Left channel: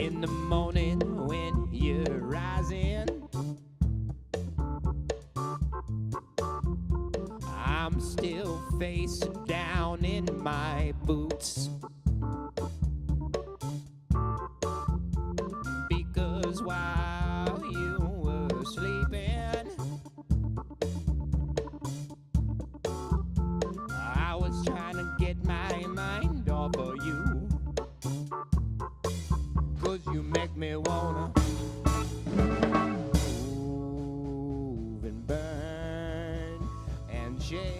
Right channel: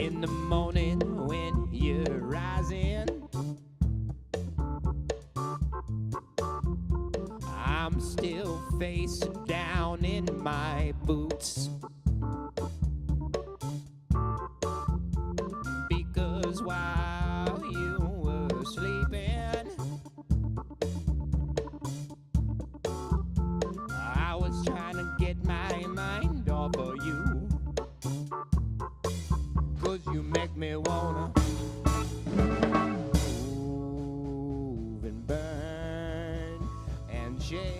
in the morning when you're rising. I'm still face down in my boots, because while you were sleeping, I was trying to get my mind off of you, 'cause you make me wanna move and burn and shake.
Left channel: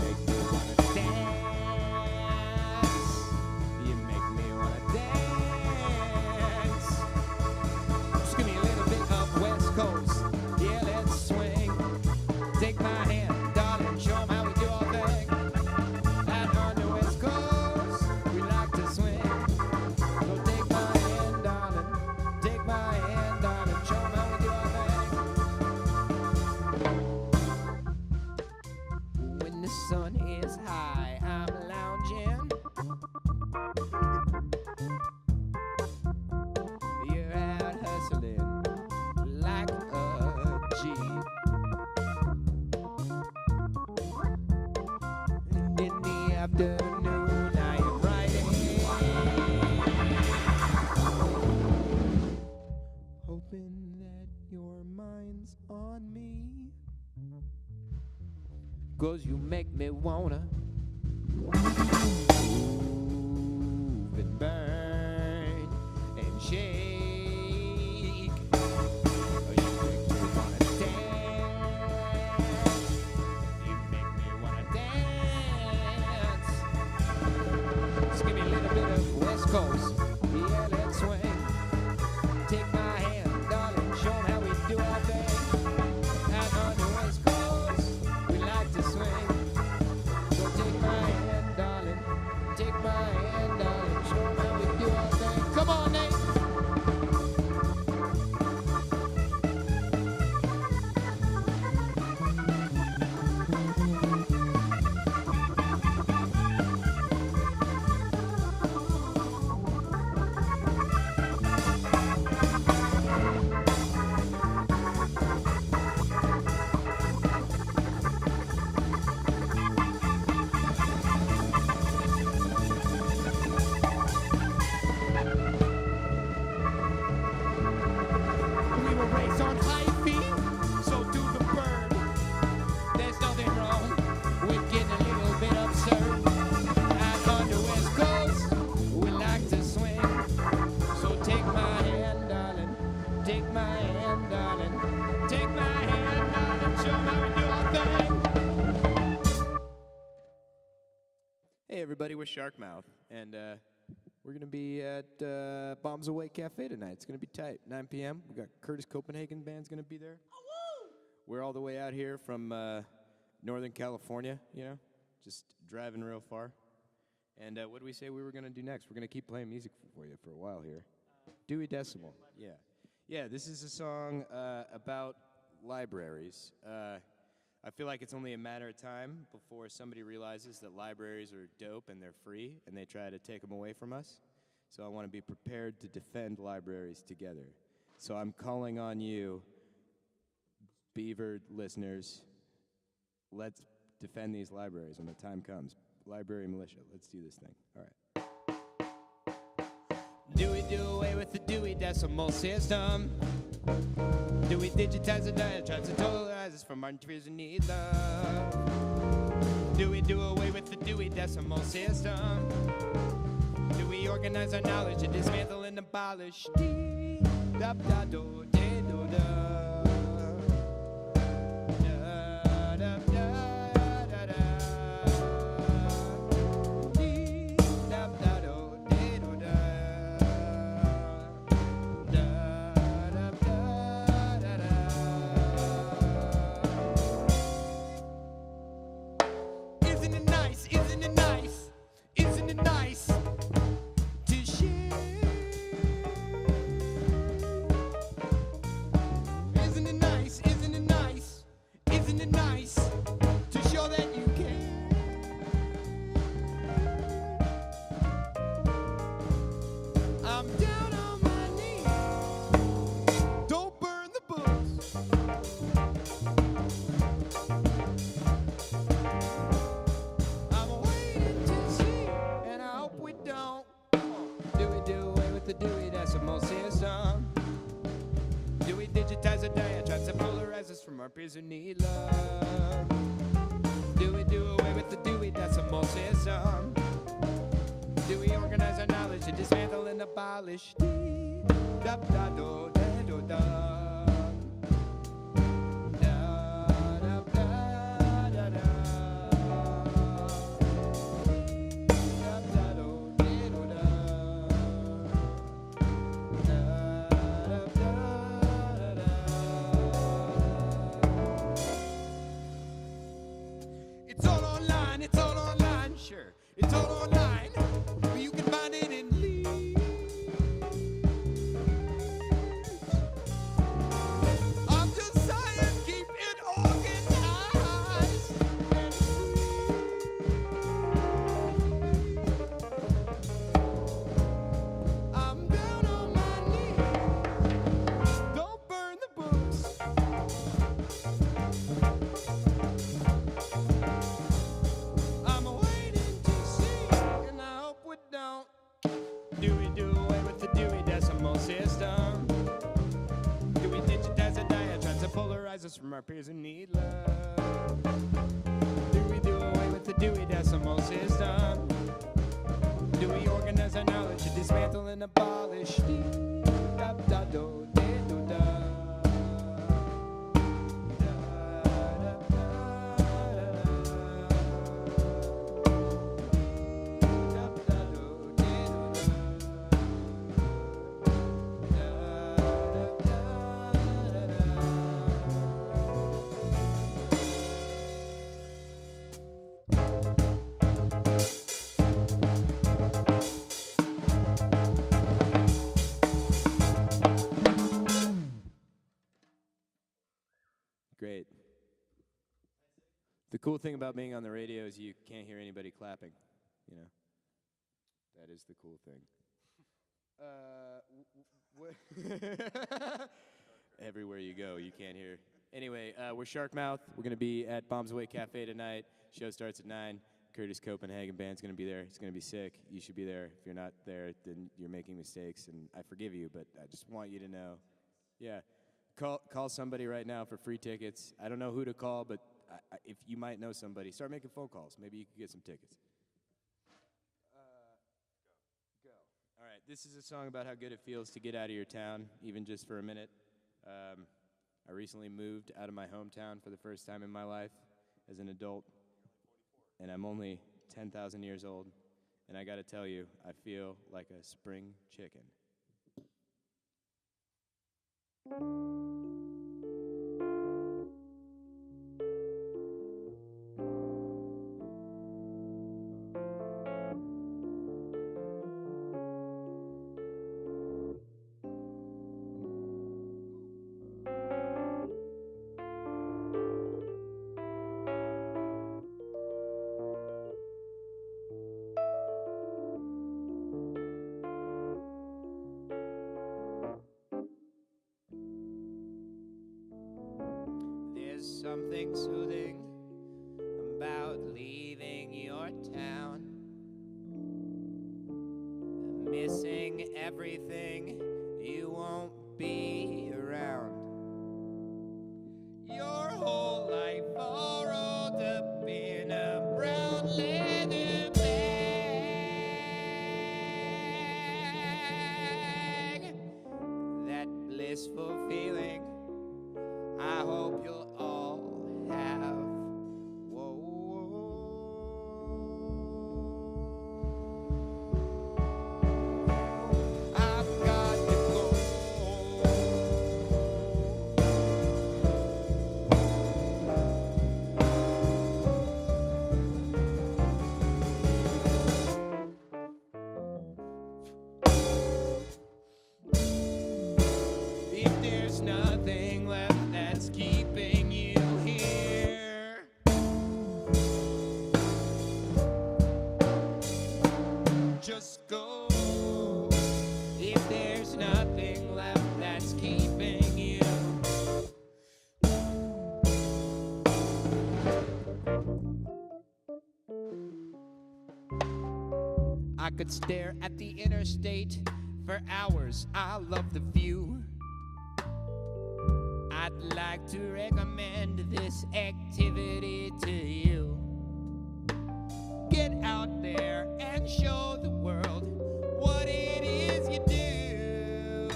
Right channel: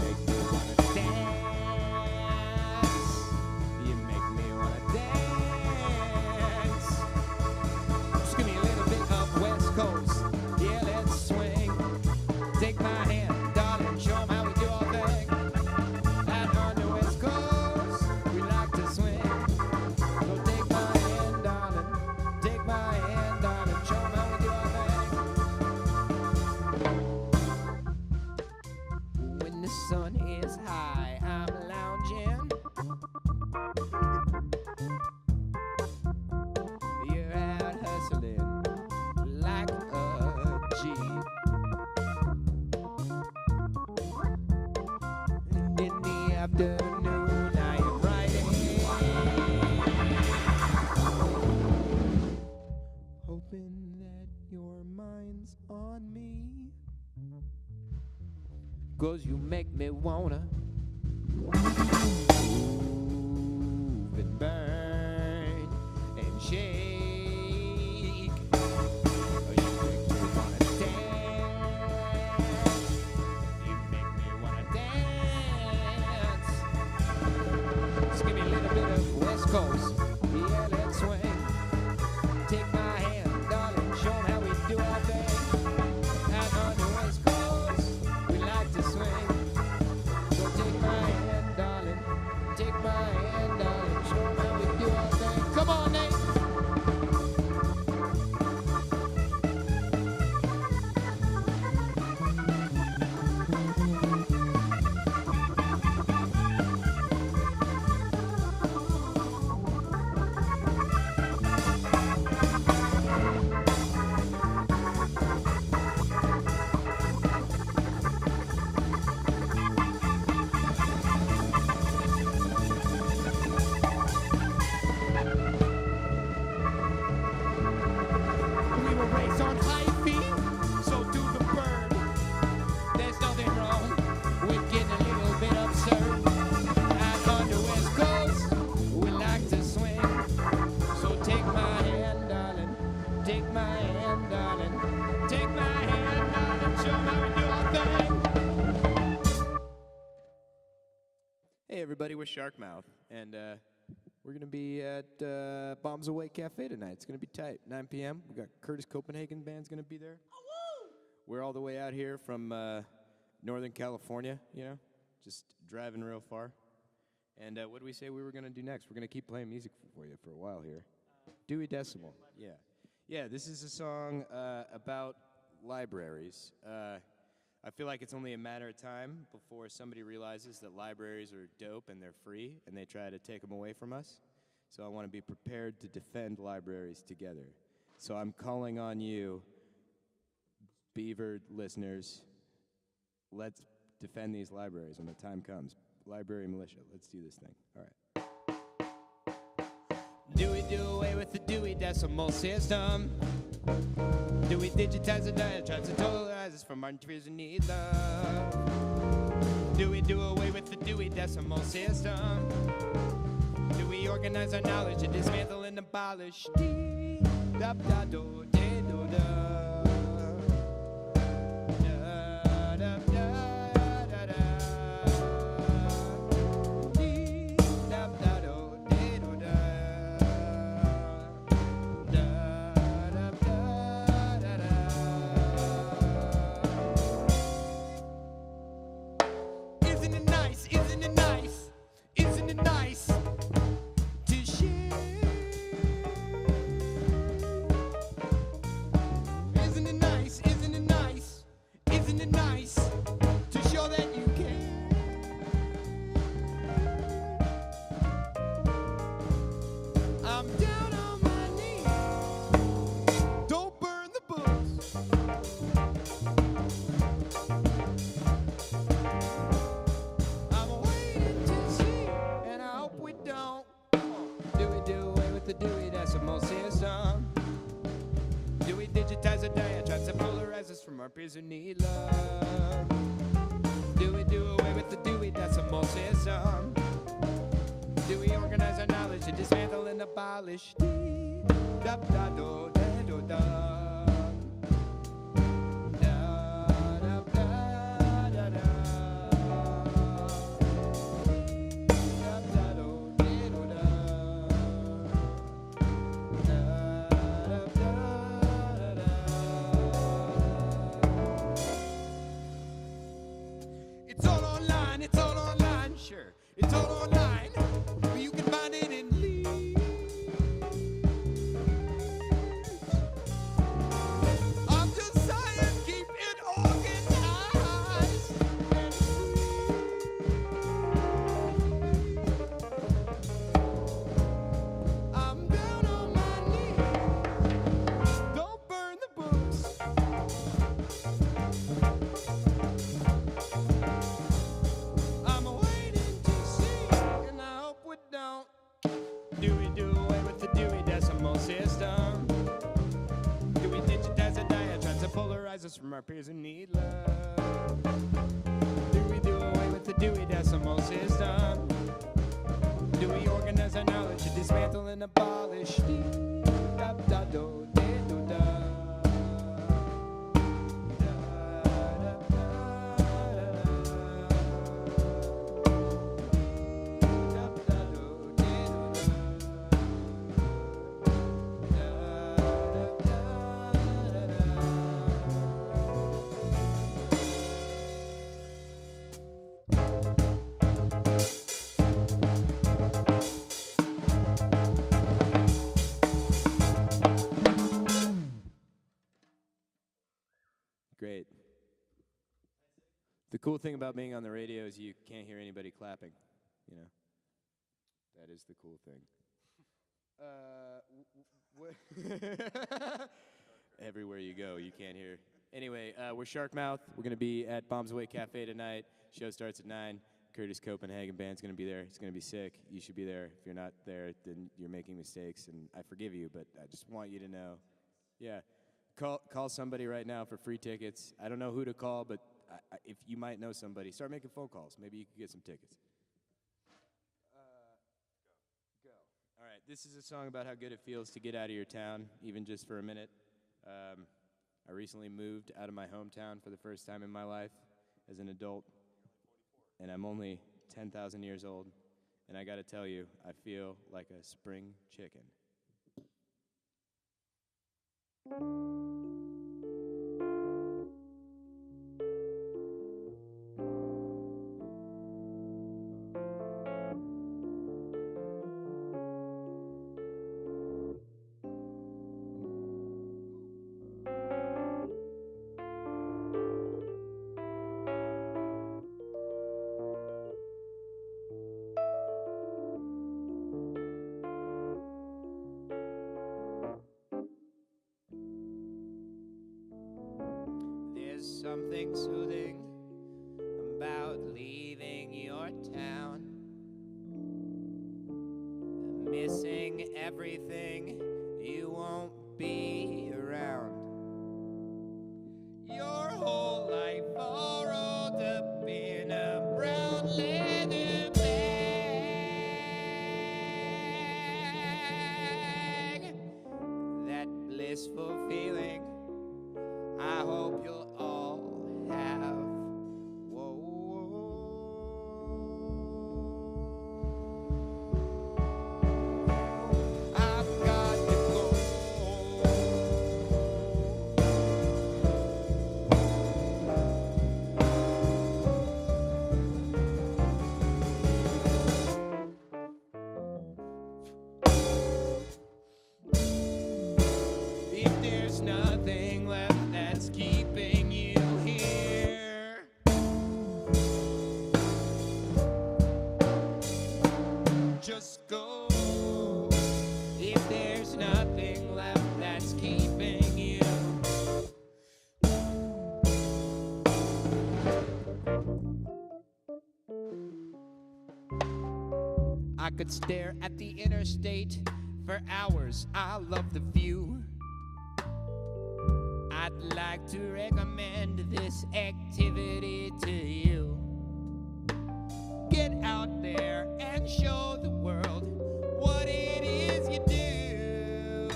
Make me wanna dance. You make me wanna dance. Just give me a little bit of West Coast. Yeah, let's swing. Take my hand, darling, show 'em how we do our thing. Out on the West Coast, we like to swing. So take my hand, darling. Take my hand, darling, show 'em how we do our thing. When the sun is high, I'm lounging. You're out hustling like a G. In the afternoon, I am writing, hoping that your mind's on me, 'cause you make me wanna move and burn and shake. Oh, you make me wanna dance. You make me wanna dance. Just give me a little bit of West Coast. Yeah, let's swing. Take my hand, darling, show 'em how we do our thing. Out on the West Coast, we like to swing. So take my hand, darling. Take my hand, darling, show 'em how we do our thing. Come on, Nate. We were raised on high feet, so do the bird. There's nothing wrong with getting a little bit absurd. Out on the West Coast, we like to swing. So take my hand, darling. Take my hand, darling. Take my hand, darling. Show 'em how we do our thing. Hey, everybody, we're Sharkmouth, and we're going to be at Bombs Away Cafe tonight. It's going to be tight. 9 p.m. We got Kurtis Copenhagen band's going to be there. We're all the way out here from Northern California, you know, just driving real far. And what did we say we were going to do next? We're going to keep playing music for you for a while here. Dewey Decimal, yeah. Yeah, this is a song about libraries. I feel like it's only a matter of time before somebody realizes that libraries are dope and they're free and they try to take them away from us. So I want to be prepared to defend libraries together. So I'm calling on you, Beaver listeners. Let's defend these libraries when the time comes. Library militia, let's do this thing. All right. Dewey do away with the Dewey Decimal System. Dewey digitize the diatribes and totalizes from Martin Tears and need love. Dewey do away with the Dewey Decimal System. Dewey organize our knowledge and dismantle and abolish. Dee-da-da-do-dee-do-da. Isn't it nice? Isn't it nice? Isn't it nice to share? the Dewey Decimal System? Do we digitize the diatribes that polarize us from our peers who need love? Do we do away with the Dewey Decimal System? Do we organize our knowledge to dismantle and abolish? It's all online, sure. It's all online, but you can find it in leaves. I'm just saying, keep it organized and free. I'm down on my knees. Don't burn the books. I'm waiting to see, and I hope we don't. Do we do away with the Dewey Decimal System? Do we digitize the diatribes that polarize us from our peers who need love? Do we do away with the Dewey Decimal System? Do we organize our knowledge to dismantle and abolish? Great. The cool thing about being on the radio is you can't hear anybody clapping, you know. That is the cool thing. Everywhere you go, you can't hear. Anyway, we're Sharkmouth. We're going to be at Bombs Away Cafe tonight. Show starts at 9. Kurtis Copenhagen Band's going to be there. It's going to be sick. You should be there. If you're not there, then you're making mistakes, and I forgive you, but I just want you to know. Yeah. Call somebody right now for free tickets. I don't know who to call, but if you might know somebody, start making phone calls. Maybe you could get some tickets. Go. All right, this is a song about how good it feels to get out of your town, even just for a minute. I recently moved out of my hometown for the first time in my life as an adult, and I'm only 10,000 years old, and I gotta tell you, I feel like a spring chicken. There's something soothing about leaving your town, missing everything, you won't be around. Your whole life all rolled up in a brown leather bag. That blissful feeling, I hope you'll all have. Whoa, I've got to go. If there's nothing left that's keeping you here, just go. If there's nothing left that's keeping you, I could stare at the interstate for hours. I love the view. I'd like to recommend this activity to you. Get out there and show the world what it is you do.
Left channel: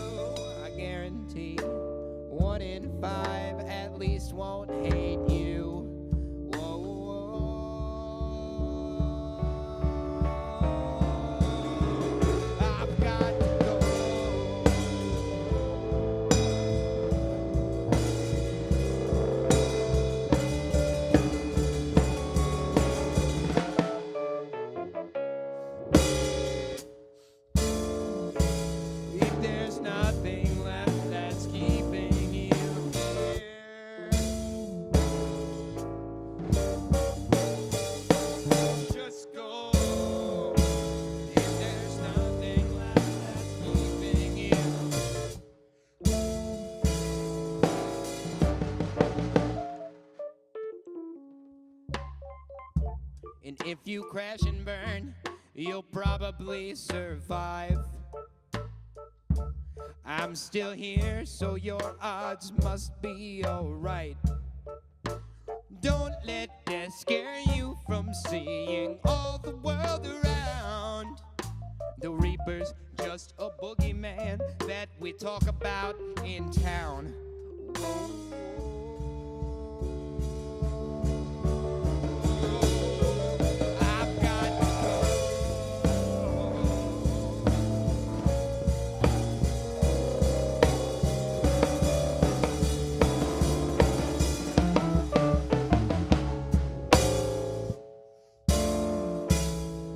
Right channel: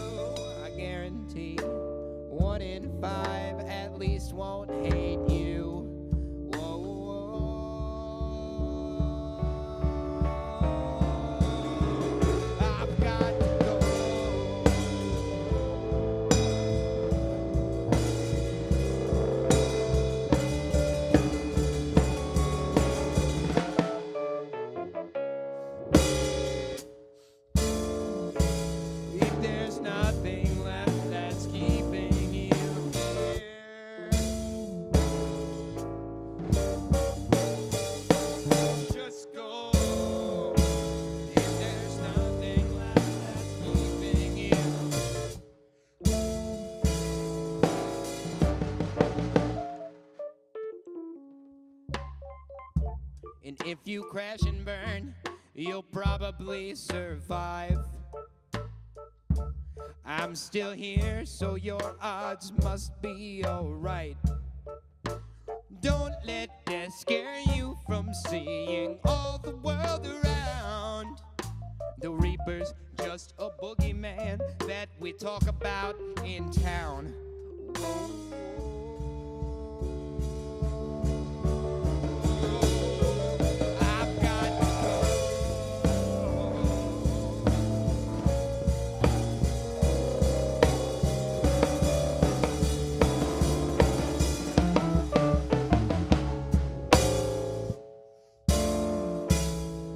I guarantee 1 in 5 at least won't hate you. Whoa, whoa. I've got to go. If there's nothing left that's keeping you here, just go. If there's nothing left that's keeping you. And if you crash and burn, you'll probably survive. I'm still here, so your odds must be alright. Don't let that scare you from seeing all the world around. The Reaper's just a boogeyman that we talk about in town. I've got to go.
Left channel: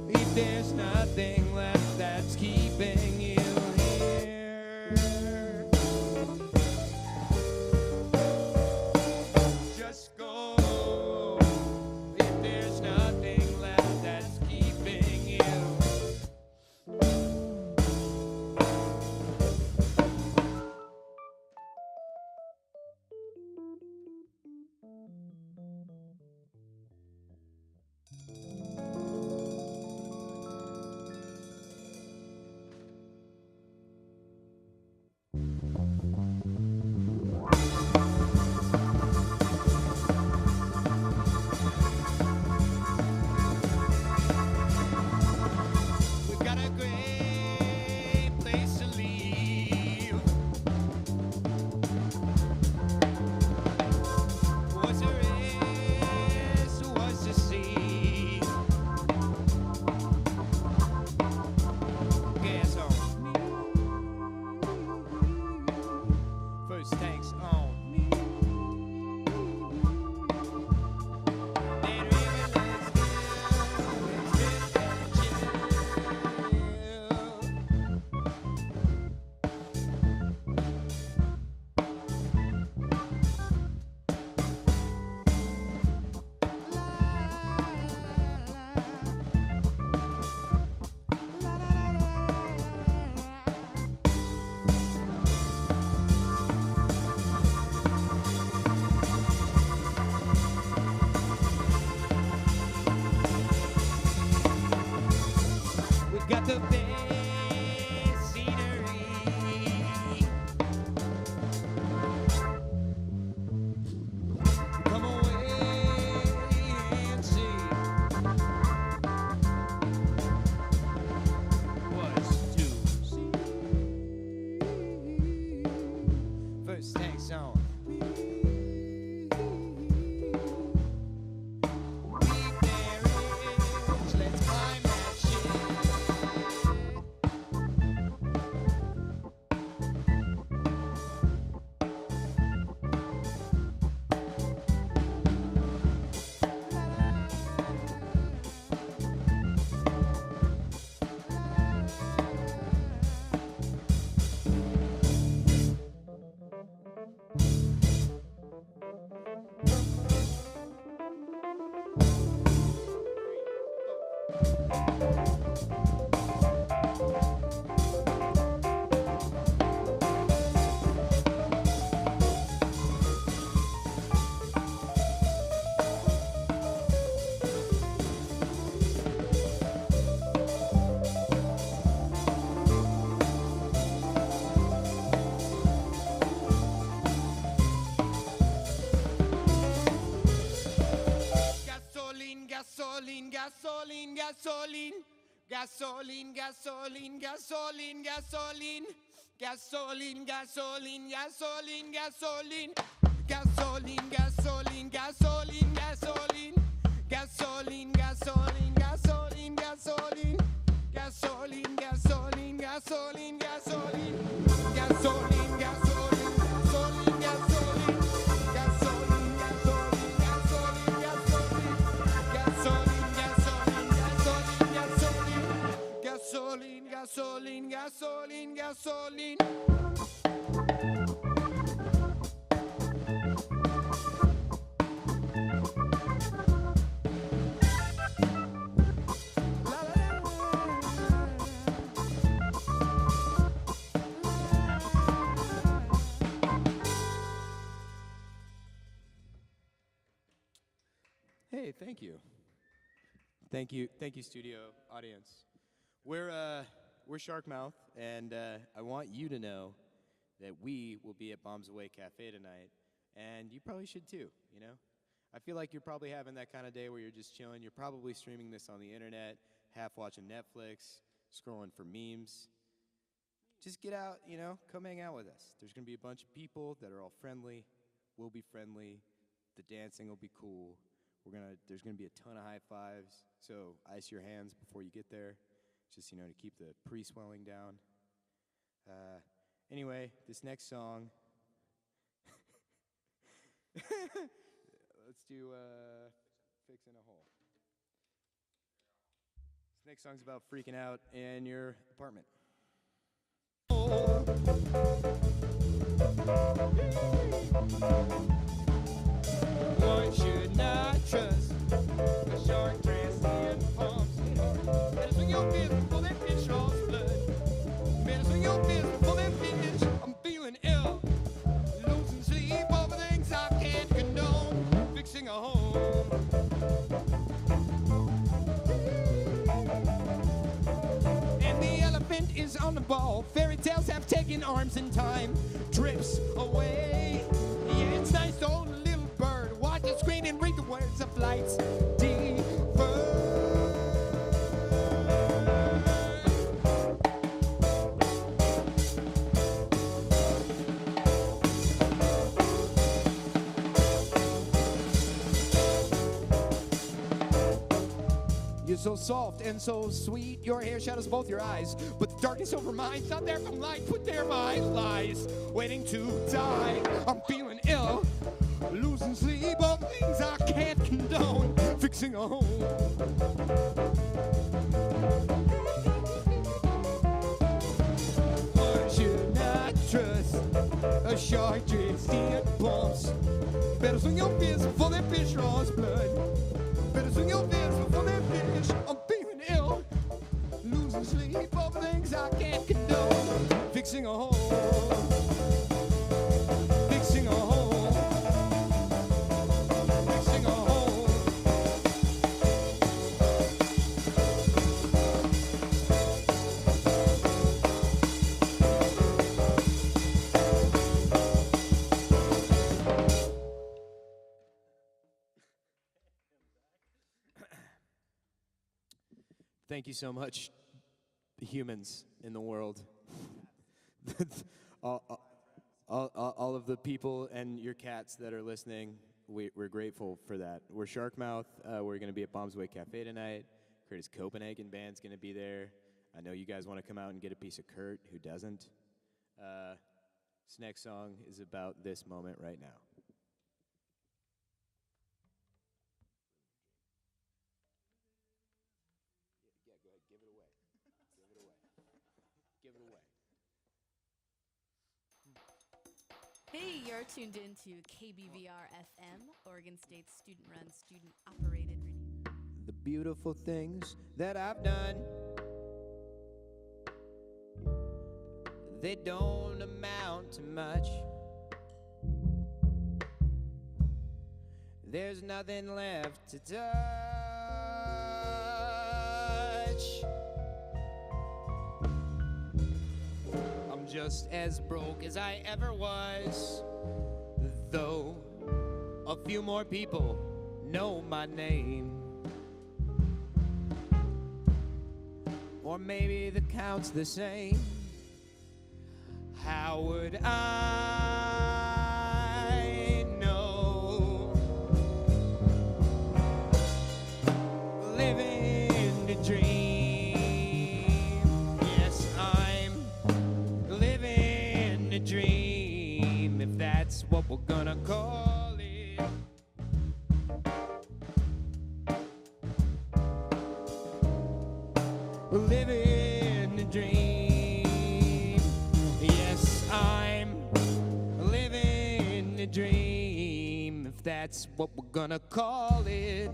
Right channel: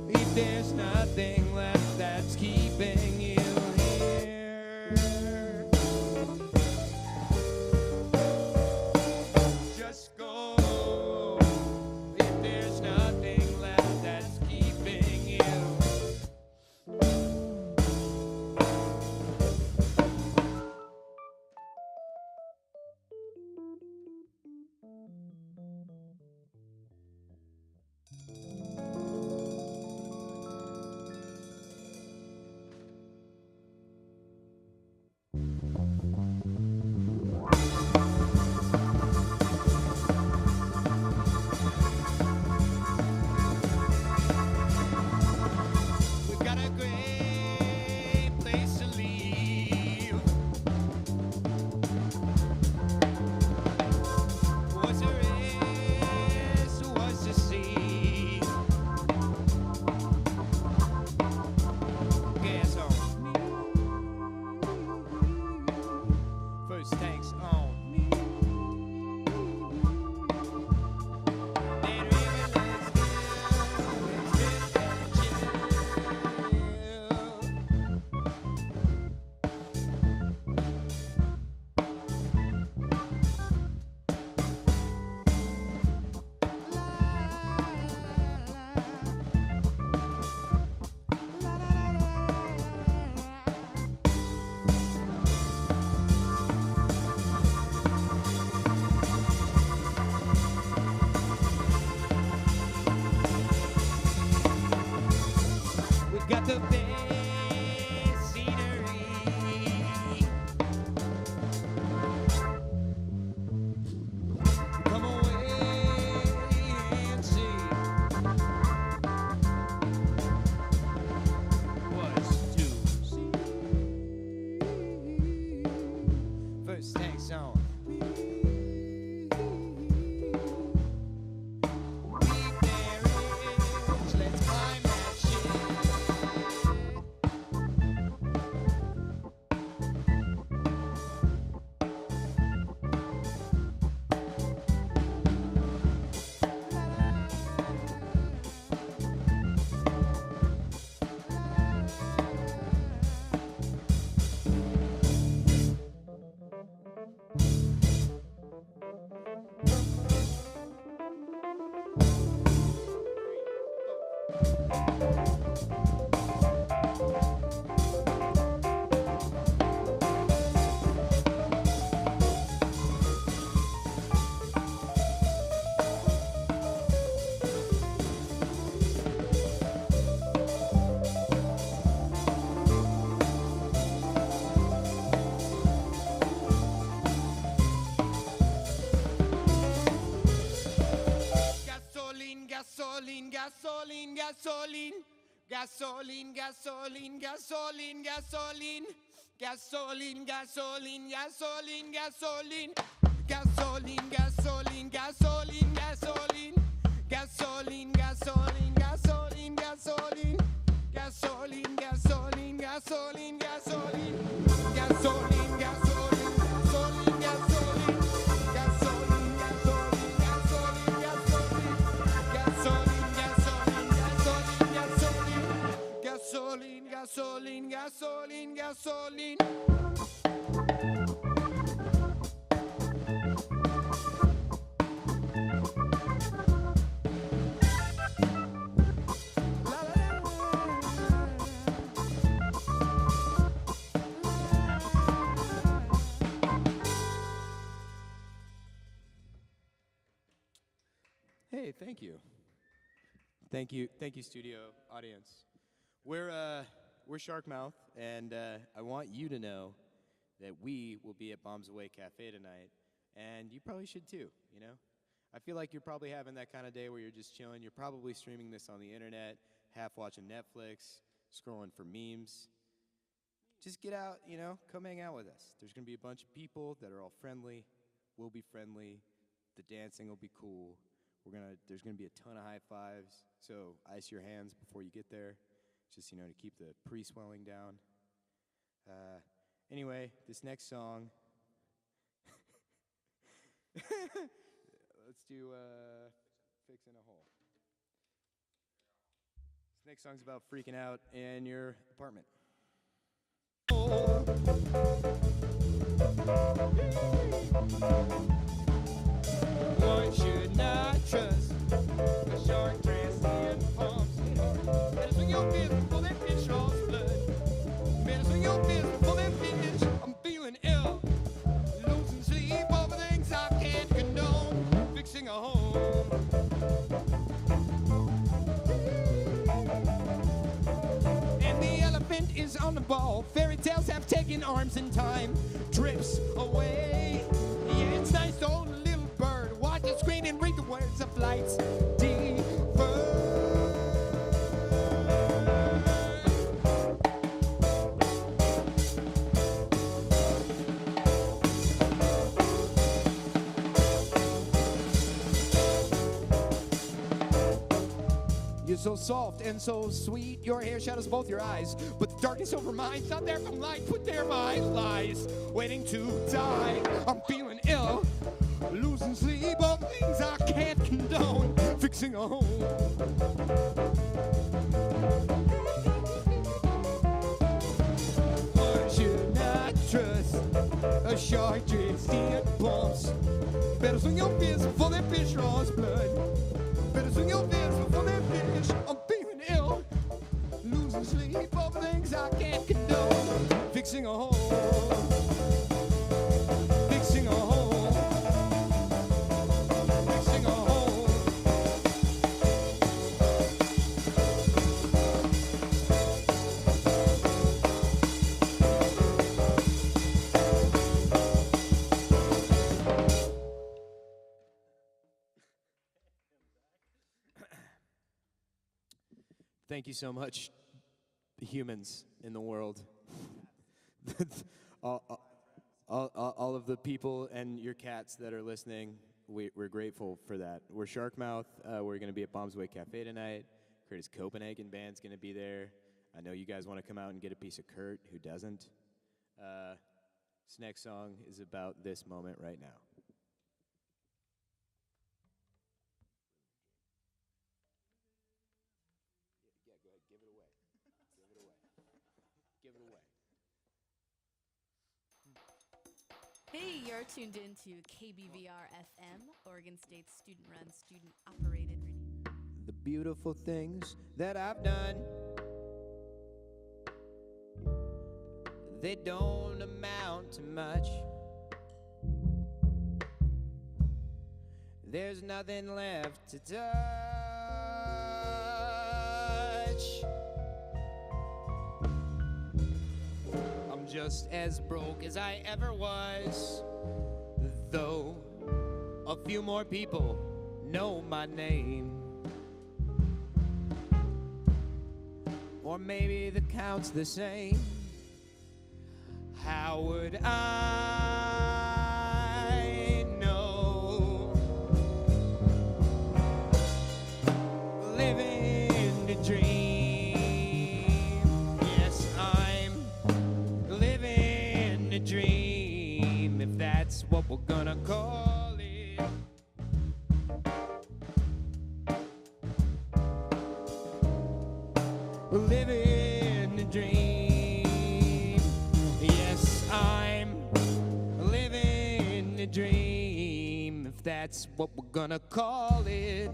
If there's nothing left that's keeping you here, just go. If there's nothing left that's keeping you. We've got a great place to leave. What's the rest? What's the sea? Gas on. First tanks on. That river looks good. Let's drip and chill. We've got the best scenery. Come away and see what's to see. First tanks on. Big marriage, let's climb that shit. Gasoline, gasoline, gasoline, gasoline. Gasoline, gasoline, gasoline, gasoline. Gasoline, gasoline, gasoline, gasoline. Gasoline, gasoline, gasoline, gasoline. Gasoline, gasoline, gasoline, gasoline. Gasoline, gasoline, gasoline, gasoline. Gasoline, gasoline, gasoline, gasoline. Gasoline, gasoline, gasoline, gasoline. Gasoline, gasoline, gasoline, gasoline. Hey, thank you. Thank you, studio audience. We're Sharkmouth, and I want you to know that we will be at Bombs Away Cafe tonight, and you probably should too, you know? I feel like you're probably having that kind of day where you're just chilling. You're probably streaming this on the internet, half watching Netflix, scrolling for memes. Just get out, you know, come hang out with us. There's gonna be a bunch of people that are all friendly. We'll be friendly. The dancing will be cool. There's gonna be a ton of high fives, so ice your hands before you get there, just, you know, to keep the pre-swelling down. Anyway, this next song, let's do Fixing a Hole. This next song's about freaking out in your apartment. One should not trust a shark dressed in pumps. Better swing your fist before that fish draws blood. Better swing your fist before that fish. I'm feeling ill, losing sleep over things I can't condone. Fixing a home. And the elephant is on the ball. Fairy tales have taken arms and time drifts away. Yeah, it's nice to hold a little bird, watch the screen and read the words of lights deeper. You're so soft and so sweet, your hair shadows both your eyes, but the darkness over mine's not there from light, put there my lies, waiting to die. I'm feeling ill, losing sleep on things I can't condone, fixing a home. One should not trust a shark dressed in pumps. Better swing your fist before that fish draws blood. Better swing your fist before that fish. I'm feeling ill, losing sleep over things I can't condone, fixing a hole. Fixing a hole. Fixing a hole. Thank you so much, humans in the world. all of the people and your cats that are listening, we're grateful for that. We're Sharkmouth. We're going to be at Bombs Away Cafe tonight. Kurtis Copenhagen Band's going to be there. I know you guys want to come out and get a piece of Kurt. Who doesn't? This next song is about this moment right now. Give it away. Give it away. Give it away. Hey, you're tuned into KBVR FM, Oregon State's student-run, student-operated radio. The beautiful things that I've done, they don't amount to much. There's nothing left to touch. I'm just as broke as I ever was, though a few more people know my name. or maybe the count's the same. How would I know? Living the dream. Yes, I'm living the dream, if that's what we're gonna call it. Living the dream. Yes, I'm living the dream, if that's what we're gonna call it.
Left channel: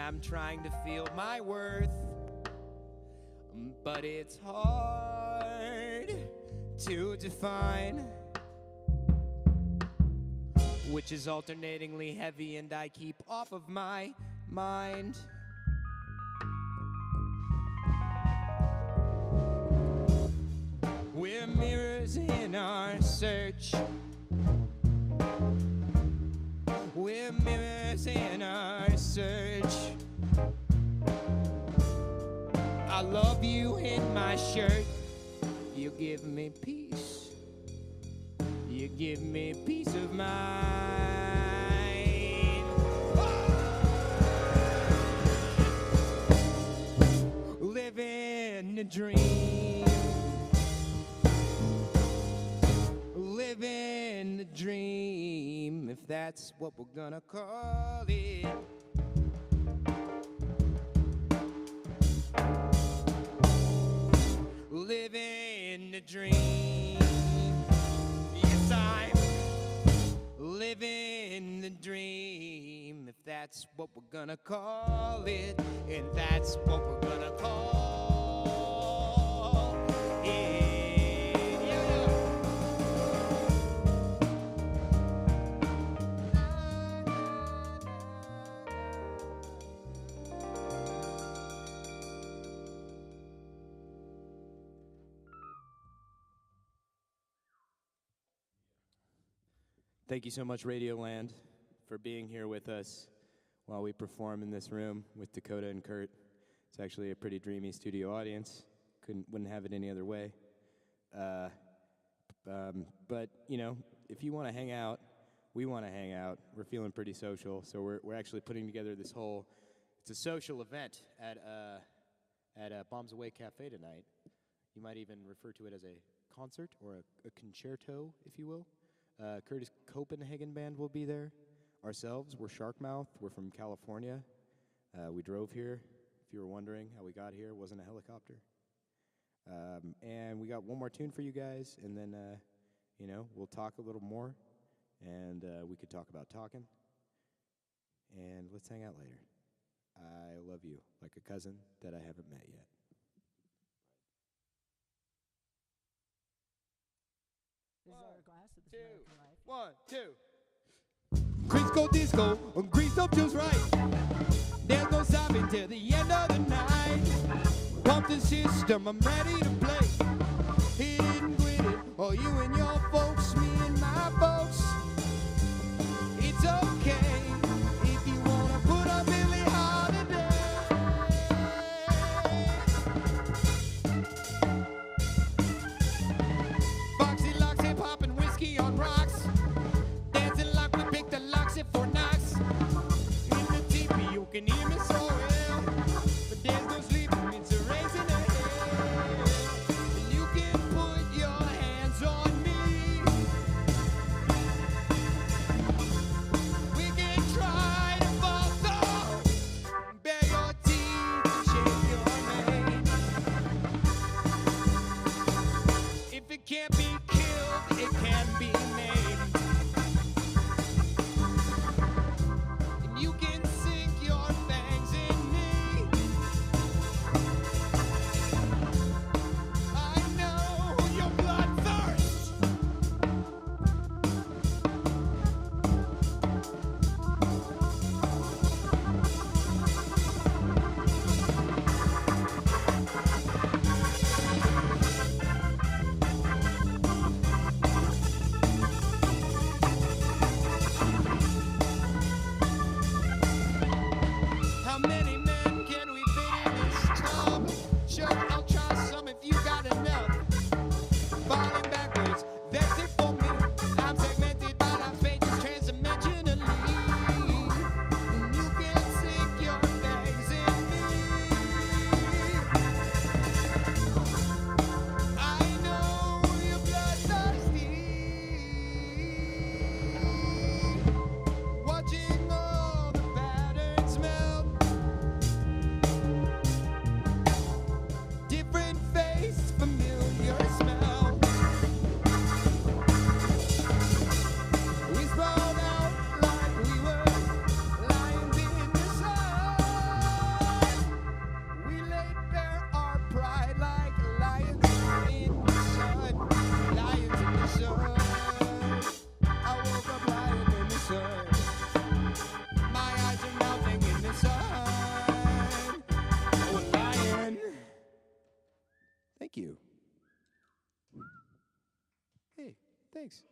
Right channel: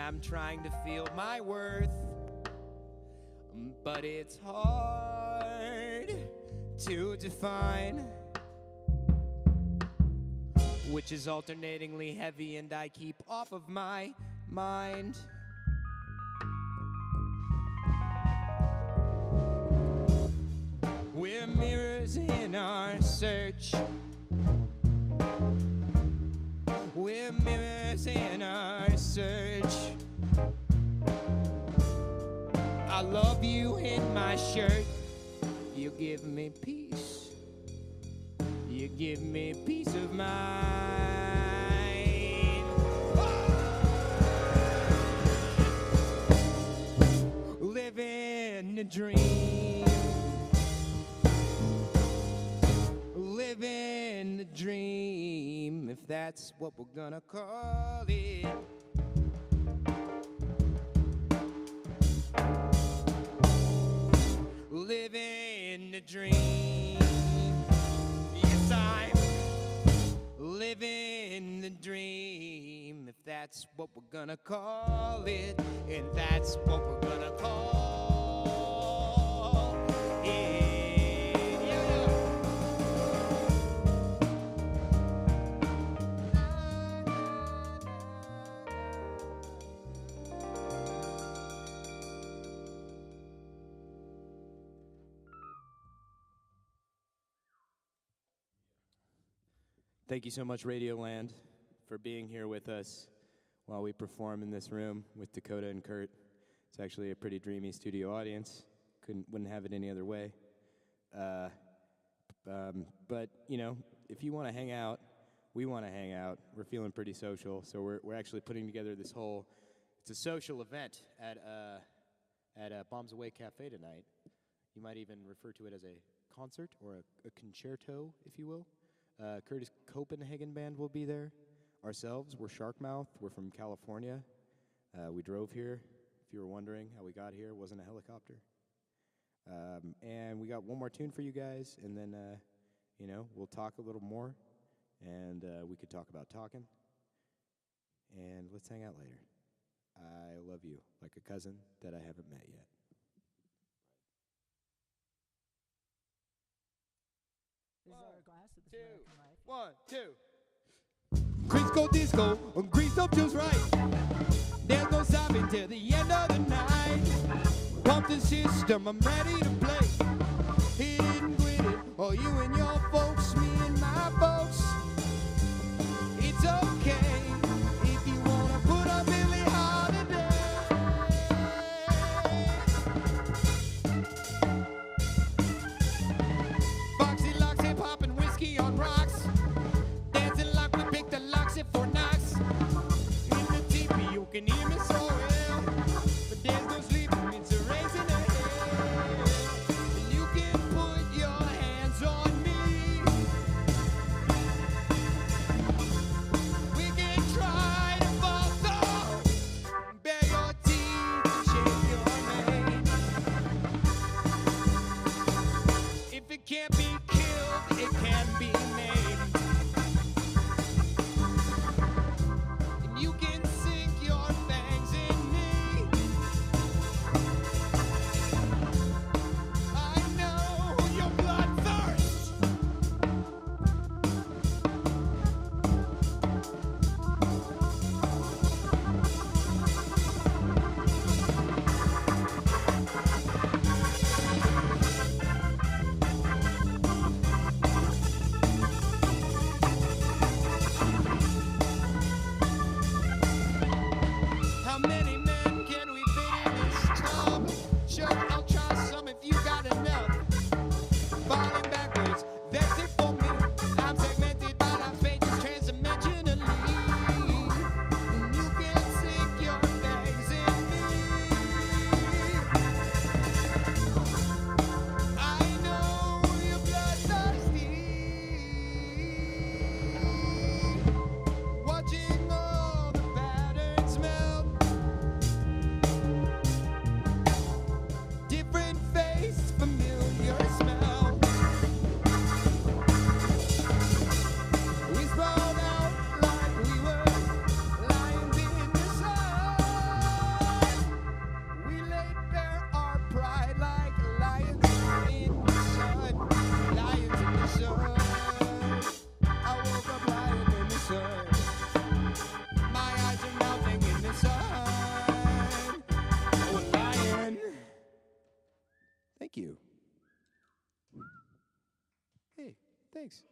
I'm trying to feel my worth, but it's hard to define, which is alternatingly heavy and I keep off of my mind. We're mirrors in our search. We're mirrors in our search. I love you in my shirt. You give me peace. You give me peace of mind. Living the dream. Living the dream, if that's what we're gonna call it. Living the dream. Yes, I'm living the dream, if that's what we're gonna call it. And that's what we're gonna call it. Thank you so much, Radioland, for being here with us while we perform in this room with Dakota and Kurt. It's actually a pretty dreamy studio audience. Wouldn't have it any other way. But, you know, if you want to hang out, we want to hang out. We're feeling pretty social, so we're actually putting together this whole, it's a social event at Bombs Away Cafe tonight. You might even refer to it as a concert or a concerto, if you will. Kurtis Copenhagen Band will be there. Ourselves, we're Sharkmouth. We're from California. We drove here. If you were wondering how we got here, it wasn't a helicopter. And we got one more tune for you guys, and then, you know, we'll talk a little more, and we could talk about talking. And let's hang out later. I love you like a cousin that I haven't met yet. This is our glass of this American life. 1, 2. Crisco disco, greased up just right. There's no stopping till the end of the night. Pump the system, I'm ready to play. Hit it and quit it, or you and your folks, me and my folks. It's okay if you wanna put a Billie Holiday. Foxy Loxy popping whiskey on rocks. Dancing like we picked a Loxy for Knox. In the teepee you can hear me so well, but there's no sleep, it's a race in the hell. Hey, thanks.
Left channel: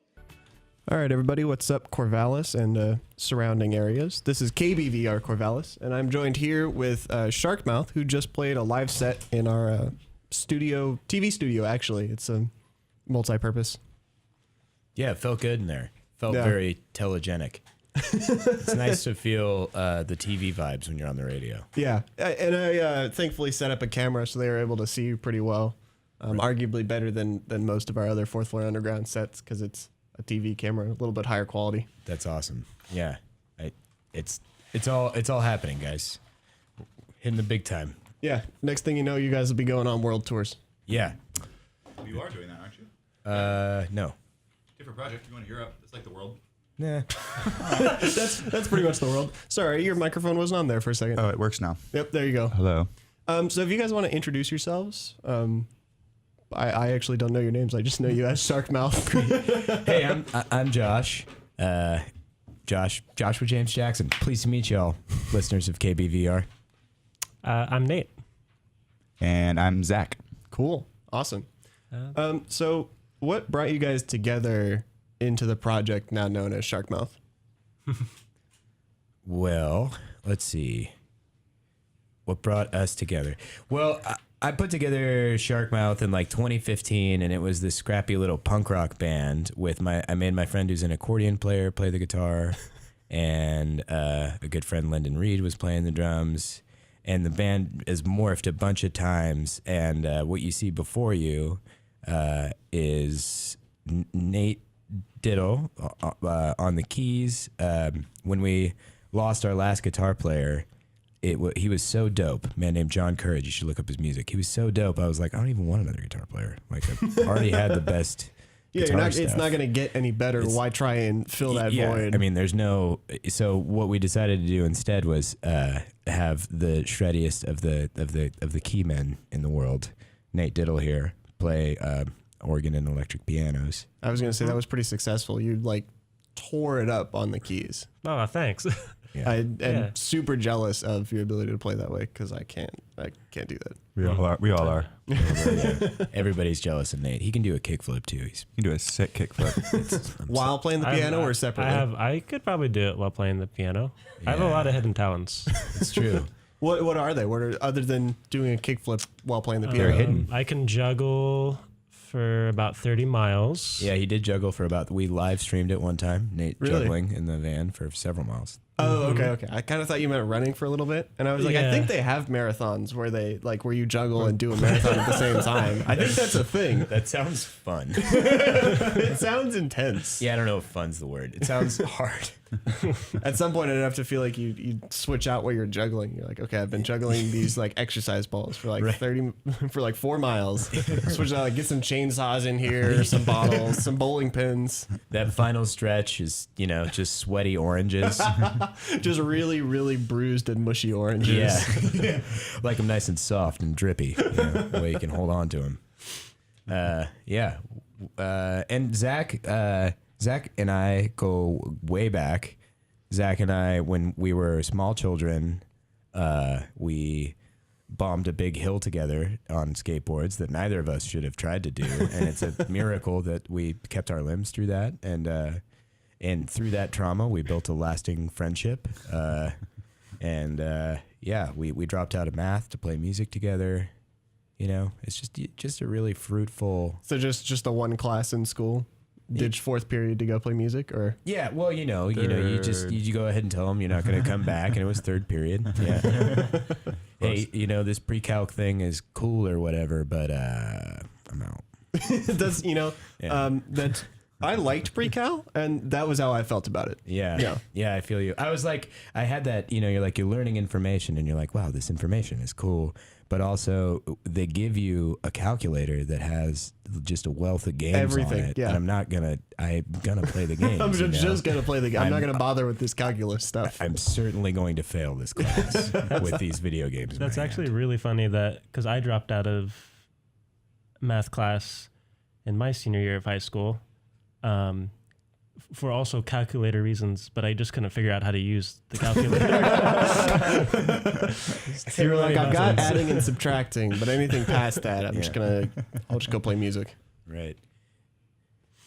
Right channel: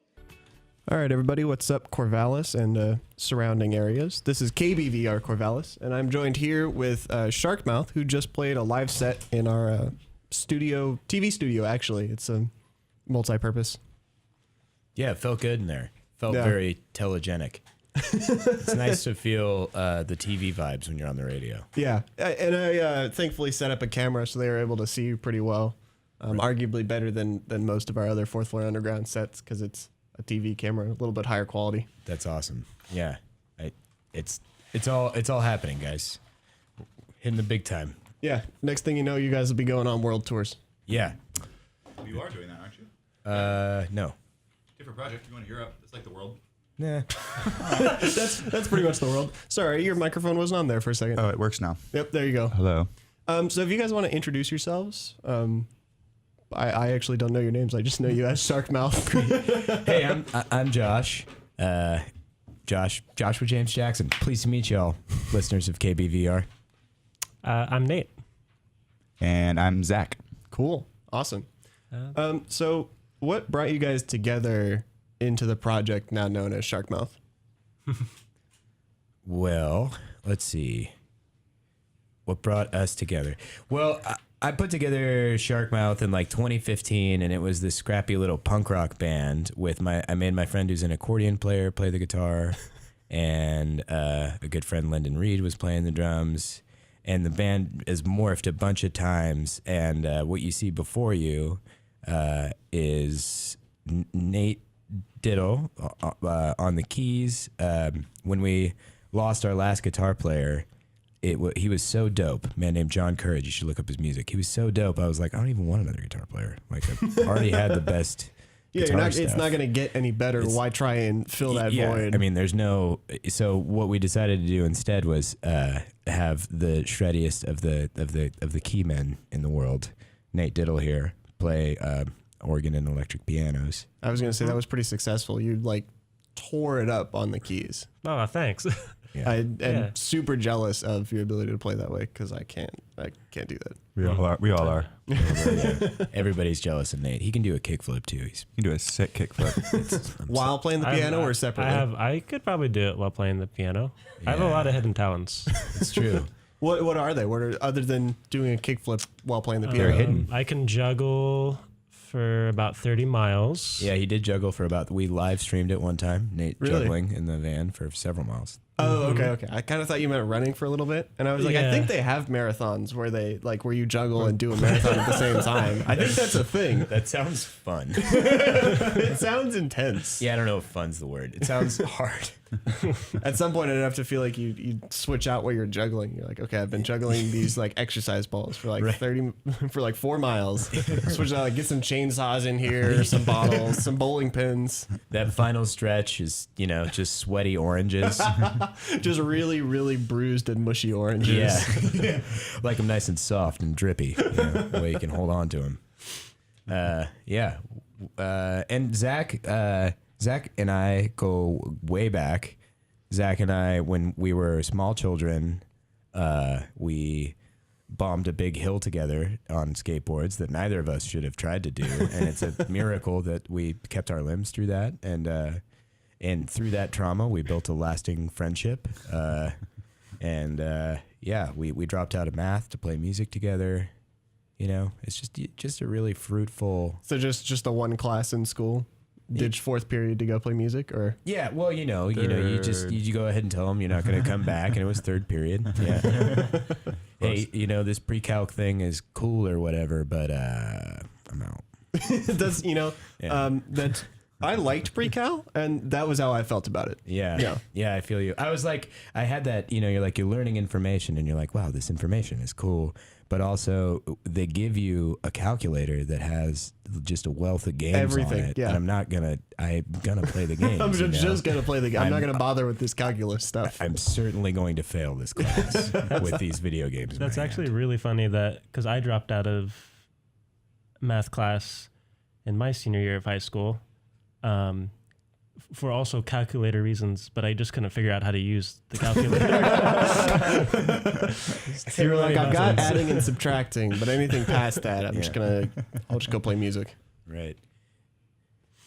All right, everybody, what's up, Corvallis and surrounding areas? This is KBVR Corvallis, and I'm joined here with Sharkmouth, who just played a live set in our TV studio, actually. It's a multi-purpose. Yeah, it felt good in there. Felt very telegenic. It's nice to feel the TV vibes when you're on the radio. Yeah, and I thankfully set up a camera so they were able to see you pretty well. Arguably better than most of our other Fourth Floor Underground sets because it's a TV camera, a little bit higher quality. That's awesome. Yeah, it's all happening, guys. Hitting the big time. Yeah, next thing you know, you guys will be going on world tours. Yeah. You are doing that, aren't you? No. Different project. You're going to Europe. It's like the world. Nah. That's pretty much the world. Sorry, your microphone wasn't on there for a second. Oh, it works now. Yep, there you go. Hello. So if you guys want to introduce yourselves, I actually don't know your names. I just know you as Sharkmouth. Hey, I'm Josh. Joshua James Jackson. Pleased to meet y'all, listeners of KBVR. I'm Nate. And I'm Zach. Cool. Awesome. So what brought you guys together into the project now known as Sharkmouth? Well, let's see. What brought us together? Well, I put together Sharkmouth in like 2015, and it was this scrappy little punk rock band with I made my friend who's an accordion player play the guitar, and a good friend, Lyndon Reed, was playing the drums, and the band has morphed a bunch of times, and what you see before you is Nate Diddle on the keys. When we lost our last guitar player, he was so dope. A man named John Courage. You should look up his music. He was so dope. I was like, I don't even want another guitar player. Like, I already had the best. Yeah, stuff. It's not going to get any better. Why try and fill that void? I mean, there's no. So what we decided to do instead was have the shreddiest of the key men in the world, Nate Diddle here, play organ and electric pianos. I was going to say that was pretty successful. You like tore it up on the keys. Oh, thanks. Yeah. I'm super jealous of your ability to play that way because I can't do that. We all are. Everybody's jealous of Nate. He can do a kickflip too. You can do a sick kickflip. While playing the piano or separately? I could probably do it while playing the piano. I have a lot of hidden talents. It's true. What are they? Other than doing a kickflip while playing the piano? They're hidden. I can juggle for about 30 miles. Yeah, he did juggle for we live streamed it one time. Nate Really? juggling in the van for several miles. Oh, okay. I kind of thought you meant running for a little bit, and I was like, I Yeah. think they have marathons where you juggle and do a marathon at the same time. I think that's a thing. That sounds fun. It sounds intense. Yeah, I don't know if fun's the word. It sounds hard. At some point, I'd have to feel like you switch out where you're juggling. You're like, okay, I've been juggling these like exercise balls for like 4 miles. Switch out, like get some chainsaws in here, some bottles, some bowling pins. That final stretch is, just sweaty oranges. Just really, really bruised and mushy oranges. Yeah. Like them nice and soft and drippy. The way you can hold on to them. Yeah. And Zach and I go way back. Zach and I, when we were small children, we bombed a big hill together on skateboards that neither of us should have tried to do. And it's a miracle that we kept our limbs through that. And through that trauma, we built a lasting friendship. We dropped out of math to play music together. It's just a really fruitful. So just a one class in school. Ditch fourth period to go play music, or Yeah, well, you go ahead and tell them you're not going to come back, and it was third period. Yeah. Hey, this pre-calc thing is cool or whatever, but I'm out. that's that's. I liked pre-cal, and that was how I felt about it. Yeah, I feel you. I was like, I had that, you're learning information, and you're like, wow, this information is cool. But also, they give you a calculator that has just a wealth of games Everything, on it. yeah. And I'm gonna play the games. I'm just gonna play the game. I'm not gonna bother with this calculus stuff. I'm certainly going to fail this class with these video games. in That's my actually hand. really funny because I dropped out of math class in my senior year of high school for also calculator reasons, but I just couldn't figure out how to use the calculator. You're like, I've got adding and subtracting, but anything past that, I'll just go play music. Right.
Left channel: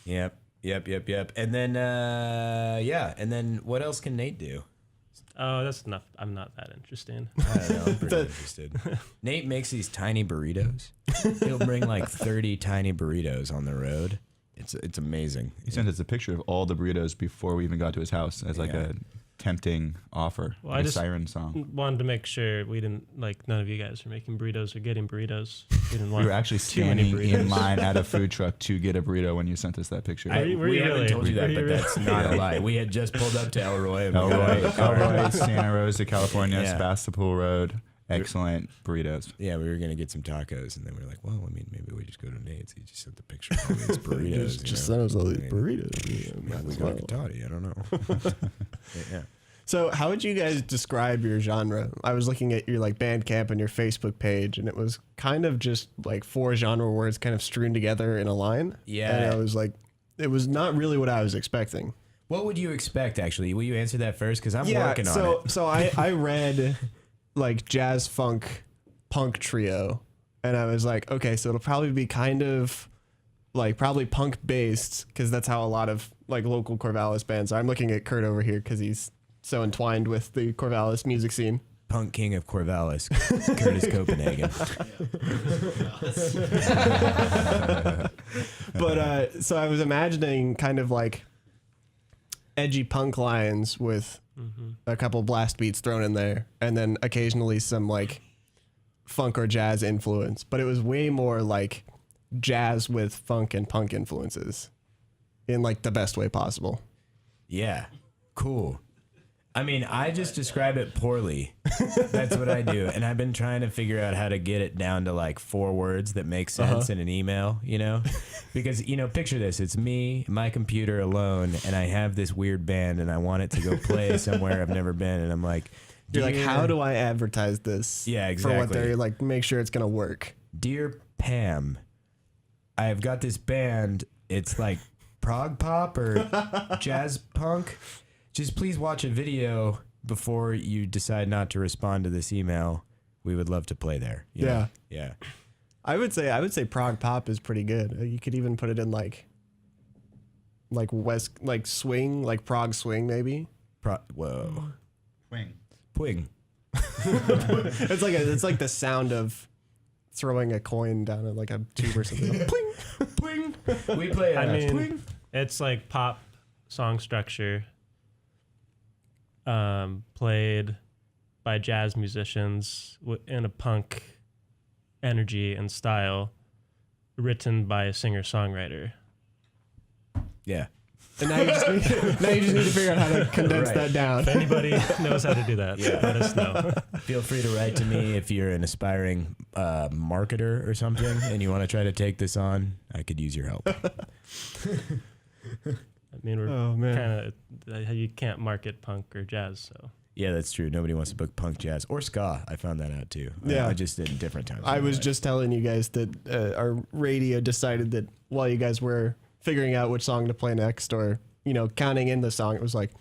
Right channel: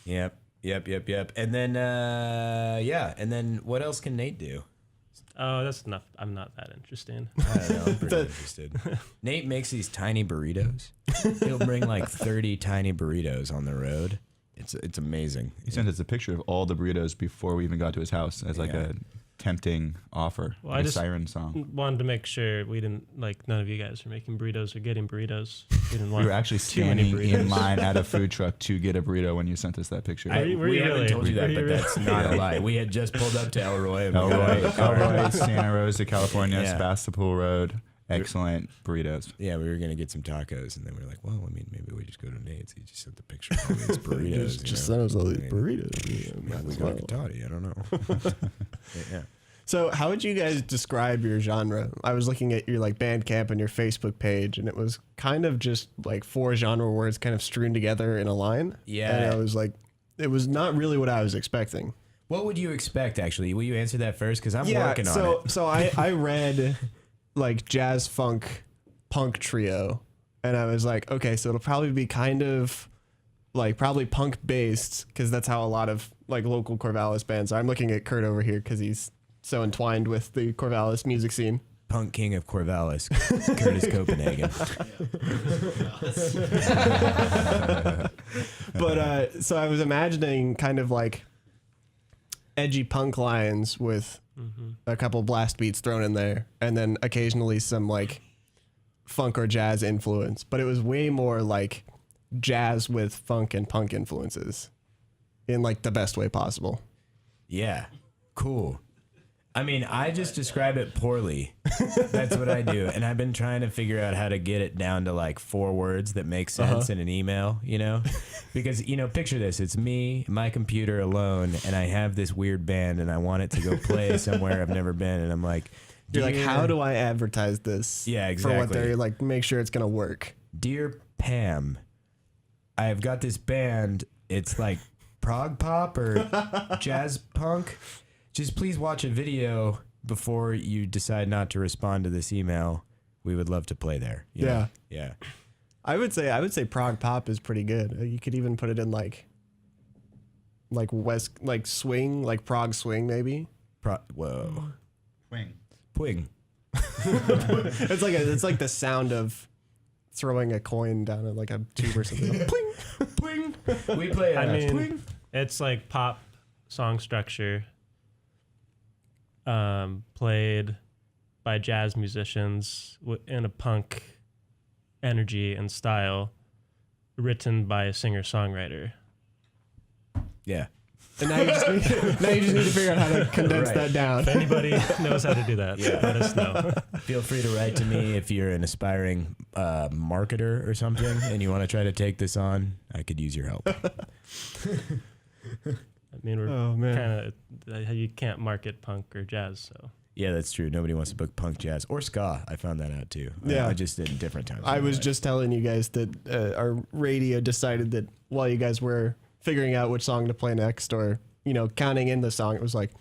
Yep. And then, and then what else can Nate do? Oh, that's enough. I'm not that interesting. I don't know. I'm pretty interested. Nate makes these tiny burritos. He'll bring like 30 tiny burritos on the road. It's amazing. He sent us a picture of all the burritos before we even got to his house as like a tempting offer, Well, like I a just siren song. wanted to make sure we didn't, like, none of you guys were making burritos or getting burritos. We didn't We want were actually too many standing in burritos. line at a food truck to get a burrito when you sent us that picture. Were you We haven't really? told you that, Were you but really? that's not a lie. We had just pulled up to Elroy. And we got- Elroy, Santa Rosa, California, Yeah. Sebastopol Road. Excellent burritos. Yeah, we were gonna get some tacos, and then we were like, well, I mean, maybe we just go to Nate's. He just sent the picture of all these burritos. Just you know? sent us all these I mean, burritos. Maybe we got a Toddy. I don't know. Yeah. So, how would you guys describe your genre? I was looking at your like Bandcamp and your Facebook page, and it was kind of just like 4 genre words kind of strewn together in a line. Yeah. And I was like, it was not really what I was expecting. What would you expect, actually? Will you answer that first? Because I'm working on it. So I read like jazz funk punk trio, and I was like, okay, so it'll probably be kind of like probably punk based, because that's how a lot of like local Corvallis bands are. I'm looking at Kurt over here because he's so entwined with the Corvallis music scene. Punk king of Corvallis, Kurtis Copenhagen. But so I was imagining kind of like edgy punk lines with a couple blast beats thrown in there, and then occasionally some like funk or jazz influence. But it was way more like jazz with funk and punk influences in like the best way possible. Yeah, cool. I mean, I just describe it poorly. That's what I do. And I've been trying to figure out how to get it down to like 4 words that make sense in an email, you know? Because, you know, picture this. It's me, my computer alone, and I have this weird band and I want it to go play somewhere I've never been. And I'm like, You're like, how do I advertise this? Yeah, For what exactly. they're like, make sure it's going to work. Dear Pam, I've got this band. It's like prog pop or jazz punk. Just please watch a video before you decide not to respond to this email. We would love to play there. You know? Yeah. I would say prog pop is pretty good. You could even put it in like west, like swing, like prog swing maybe. Whoa. Wing. Pwing. It's like the sound of throwing a coin down at like a tube or something. Pling. Pwing. We play I mean, pwing. it's like pop song structure, played by jazz musicians in a punk energy and style, written by a singer-songwriter. Yeah. And now you just need to figure out how to condense Right. that down. If anybody knows how to do that, Yeah. let us know. Feel free to write to me if you're an aspiring marketer or something and you want to try to take this on. I could use your help. I mean, we're Oh man. kind of, you can't market punk or jazz, so. Yeah, that's true. Nobody wants to book punk jazz or ska. I found that out too. Yeah. I just did in different times. I in my was life. just telling you guys that our radio decided that while you guys were figuring out which song to play next, or counting in the song, it was like,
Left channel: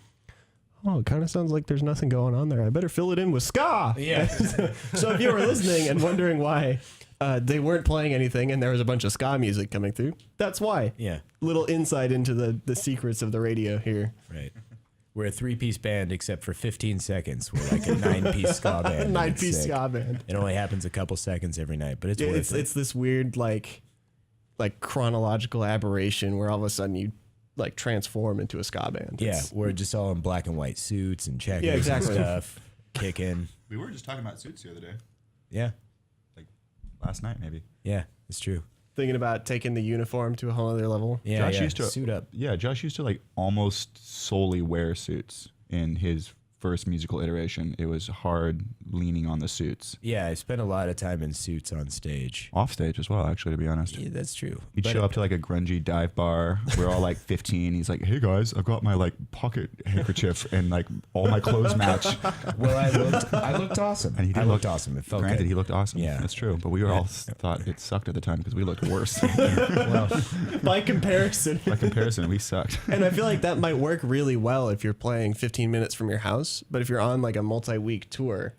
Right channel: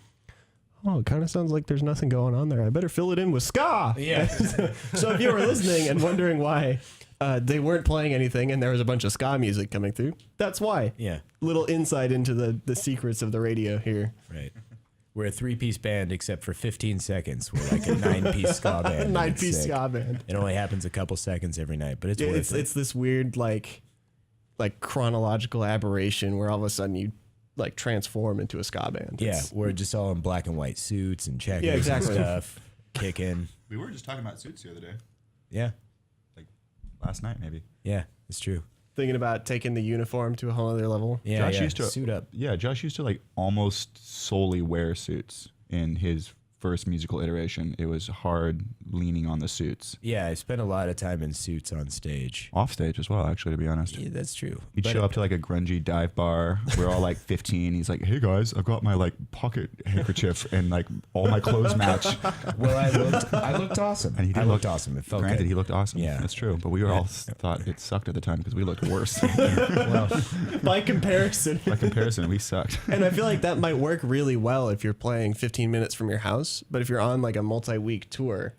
oh, it kind of sounds like there's nothing going on there. I better fill it in with ska. Yeah. So if you were listening and wondering why they weren't playing anything and there was a bunch of ska music coming through, that's why. Yeah. Little insight into the secrets of the radio here. Right. We're a 3-piece band except for 15 seconds. We're like a 9-piece ska band. and it's 9-piece sick. ska band. It only happens a couple seconds every night, but it's Yeah, worth it. it's this weird like chronological aberration where all of a sudden you like transform into a ska band. Yeah, It's- we're just all in black and white suits and checkers Yeah, exactly. and stuff, kicking. We were just talking about suits the other day. Yeah, Last night, maybe. yeah, it's true. thinking about taking the uniform to a whole other level. Yeah, Josh yeah. used to suit up. Yeah, Josh used to like almost solely wear suits in his first musical iteration. It was hard leaning on the suits. Yeah, I spent a lot of time in suits on stage. Off stage as well, actually, to be honest. Yeah, that's true. He'd But show up to like a grungy dive bar. We're all like 15. He's like, "Hey guys, I've got my like pocket handkerchief and like all my clothes match." Well, I looked awesome. And he did I looked look- awesome. It felt Granted, good. he looked awesome. Yeah. That's true. But we all thought it sucked at the time because we looked worse. Well, By comparison. By comparison, we sucked. And I feel like that might work really well if you're playing 15 minutes from your house, but if you're on like a multi-week tour.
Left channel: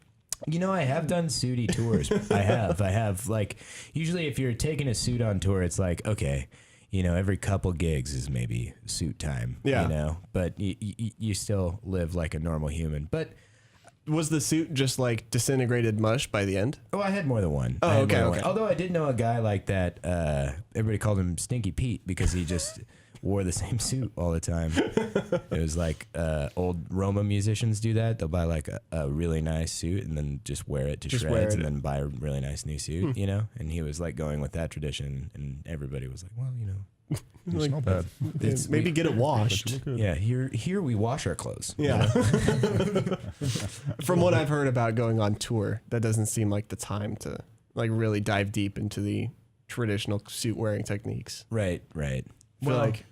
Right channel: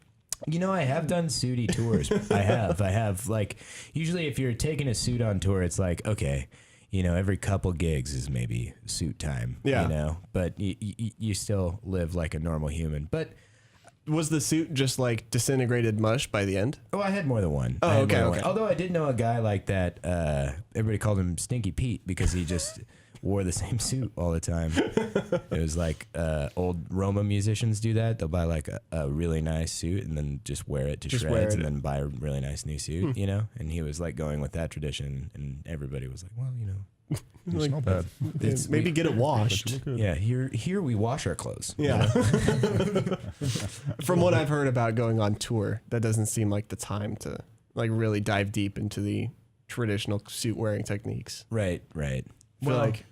you know, I have done sooty tours. I have. Like, usually if you're taking a suit on tour, it's like, okay, you know, every couple gigs is maybe suit time. Yeah. You know, but you still live like a normal human. But Was the suit just like disintegrated mush by the end? oh, I had more than one. Oh, I had okay, more than okay. one. Although I did know a guy like that. Everybody called him Stinky Pete because he just wore the same suit all the time. It was like old Roma musicians do that. They'll buy like a really nice suit and then just wear it to Just shreds wear it. and then buy a really nice new suit, you know? And he was like going with that tradition, and everybody was like, well, you know. You Like, smell bad. Maybe get it washed. Yeah, here we wash our clothes. you Yeah. know? From what I've heard about going on tour, that doesn't seem like the time to like really dive deep into the traditional suit wearing techniques. Right. I feel Well, like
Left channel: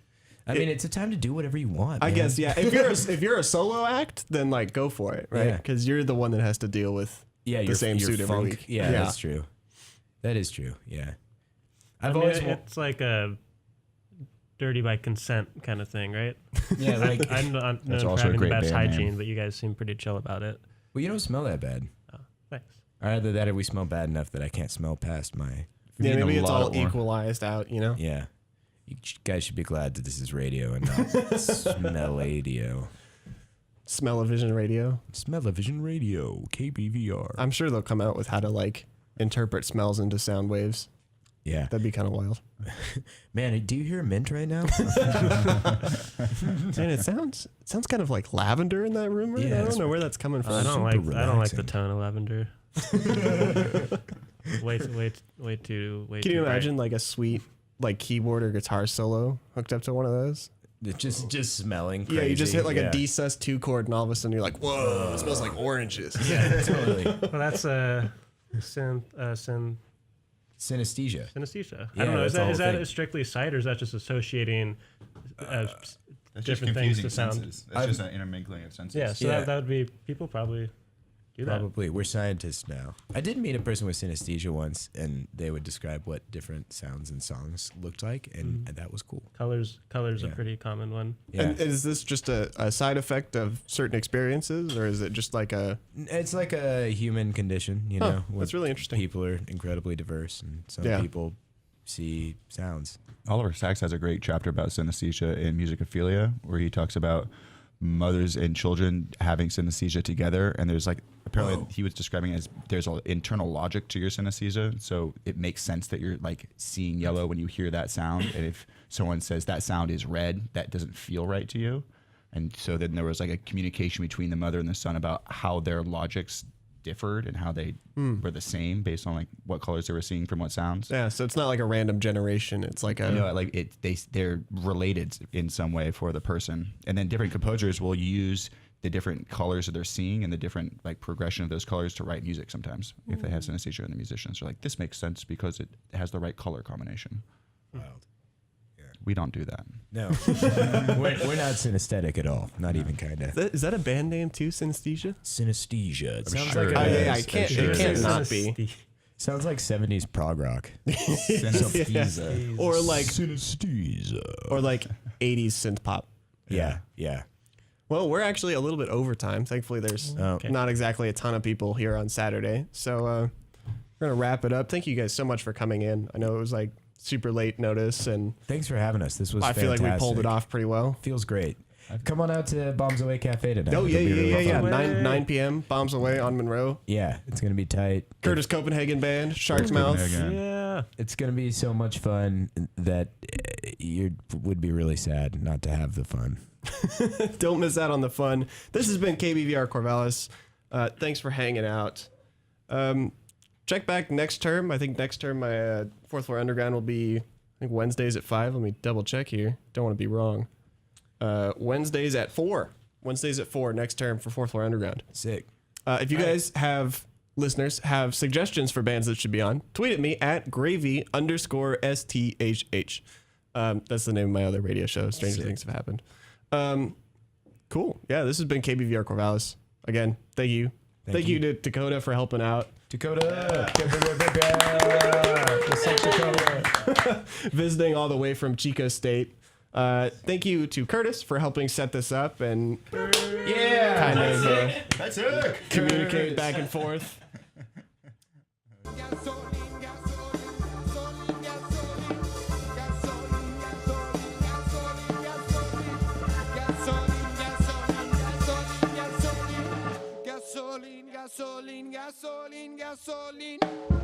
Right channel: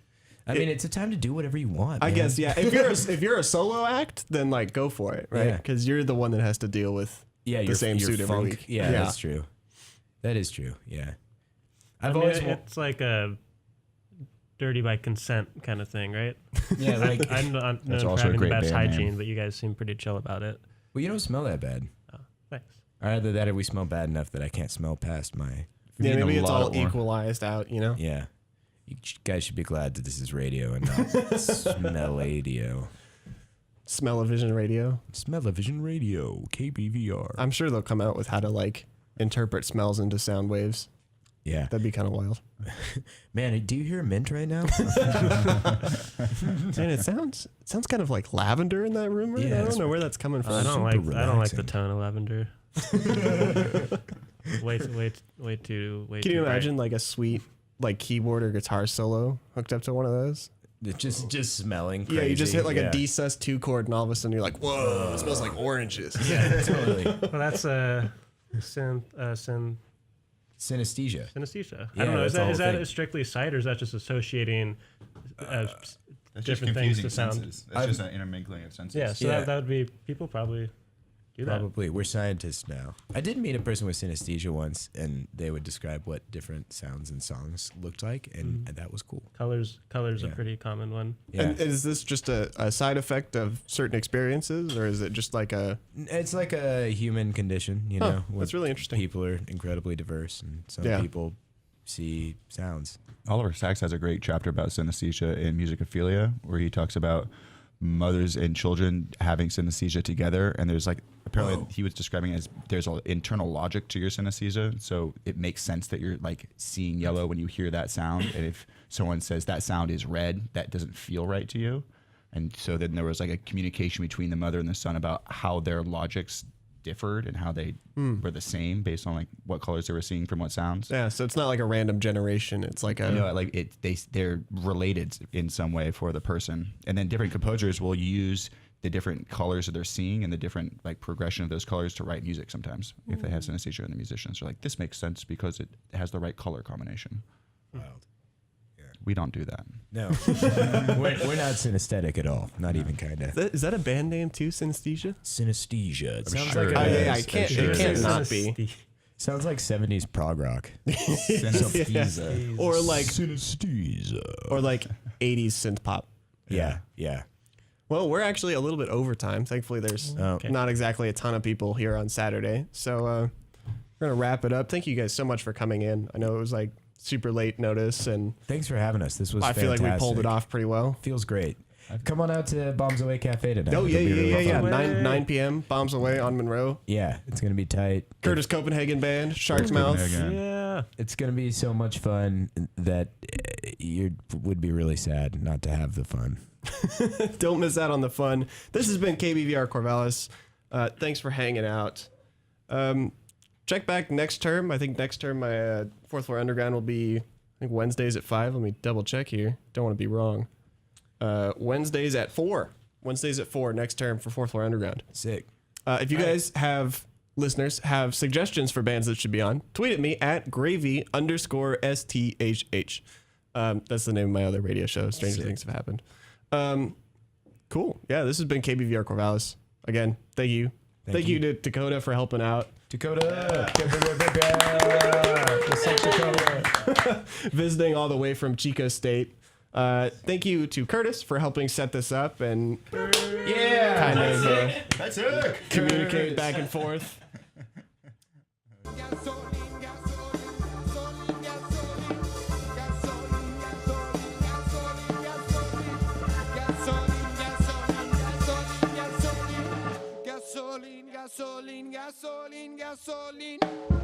I mean, it's a time to do whatever you want. I man. guess yeah. If you're a solo act, then like go for it, right? Yeah. Because you're the one that has to deal with Yeah, the your same suit every funk. week. Yeah, Yeah. that's true. That is true. Yeah. I I've mean, always it's like a dirty by consent kind of thing, right? yeah, like I'm not known That's for also a having the great best band hygiene, name. but you guys seem pretty chill about it. well, you don't smell that bad. Oh, thanks. Either that or we smell bad enough that I can't smell past my. Yeah, Need a maybe it's lot all more. equalized out, you know? Yeah. You guys should be glad that this is radio and not smell-radio. Smell-o-vision radio. Smell-o-vision radio, KBVR. I'm sure they'll come out with how to like interpret smells into sound waves. Yeah. That'd be kind of wild. Man, do you hear mint right now? And it sounds kind of like lavender in that room, right? Yeah, I it's don't know where that's coming from. I don't like super I don't like the relaxing. tone of lavender. way too. Can you imagine like a sweet like keyboard or guitar solo hooked up to one of those? just smelling crazy. Yeah, you just hit like Yeah. a D sus2 chord, and all of a sudden you're like, whoa, it smells like oranges. Yeah, totally. Well, that's synesthesia. Synesthesia. I don't know. that's Is the whole that thing. strictly sight, or is that just associating That's just different things confusing to sound? senses. That's just an intermingling of senses. Yeah, so Yeah. that would be people probably do that. Probably. We're scientists now. I did meet a person with synesthesia once, and they would describe what different sounds and songs looked like, and that was cool. Colors a Yeah. pretty common one. Yeah. And is this just a side effect of certain experiences, or is it just like a? It's like a human condition, you Huh, know. where that's really interesting. People are incredibly diverse, and some Yeah. people see sounds. Oliver Sacks has a great chapter about synesthesia in Musicophilia, where he talks about mothers and children having synesthesia together, and there's like apparently he was describing it as there's an internal logic to your synesthesia, so it makes sense that you're like seeing yellow when you hear that sound, and if someone says that sound is red, that doesn't feel right to you, and so then there was like a communication between the mother and the son about how their logics differed and how they were the same based on like what colors they were seeing from what sounds. Yeah, so it's not like a random generation. It's like a. You know, like they're related in some way for the person, and then different composers will use the different colors that they're seeing and the different like progression of those colors to write music. Sometimes, if they have synesthesia, and the musicians are like, "This makes sense because it has the right color combination." Wild. We don't do that. No, we're not synesthetic at all. Not even kind of. Is that a band name too? Synesthesia. Synesthesia. It I'm sounds sure like it a, is. yeah, I'm it can't. sure It it can't is. not be. sounds like 70s prog rock. Synesthesia. Or like Synesthesia. or like 80s synth pop. Yeah. Well, we're actually a little bit over time. Thankfully, there's Oh. not exactly a ton of people here on Saturday. So we're going to wrap it up. Thank you guys so much for coming in. I know it was like super late notice, and Thanks for having us. This was I feel like we pulled it fantastic. off pretty well. Feels great. Come on out to Bombs Away Cafe tonight. Oh, yeah, It'll be really fun. 9 p.m. Bombs Away on Monroe. Yeah, it's going to be tight. Curtis Copenhagen Band, Sharkmouth. Copenhagen. Yeah. It's going to be so much fun that you would be really sad not to have the fun. Don't miss out on the fun. This has been KBVR Corvallis. Thanks for hanging out. Check back next term. I think next term my Fourth Floor Underground will be, I think, Wednesdays at 5. Let me double check here. Don't want to be wrong. Wednesdays at 4. Wednesdays at 4 next term for Fourth Floor Underground. Sick. If you guys listeners have suggestions for bands that should be on, tweet at me at gravy_STHH. That's the name of my other radio show. Stranger Things Have Happened. Cool. Yeah, this has been KBVR Corvallis. Again, thank you. Thank you to Dakota for helping out. Dakota. Visiting all the way from Chico State. Thank you to Curtis for helping set this up and kind of That's it. communicate back and forth. gasoline, gasoline.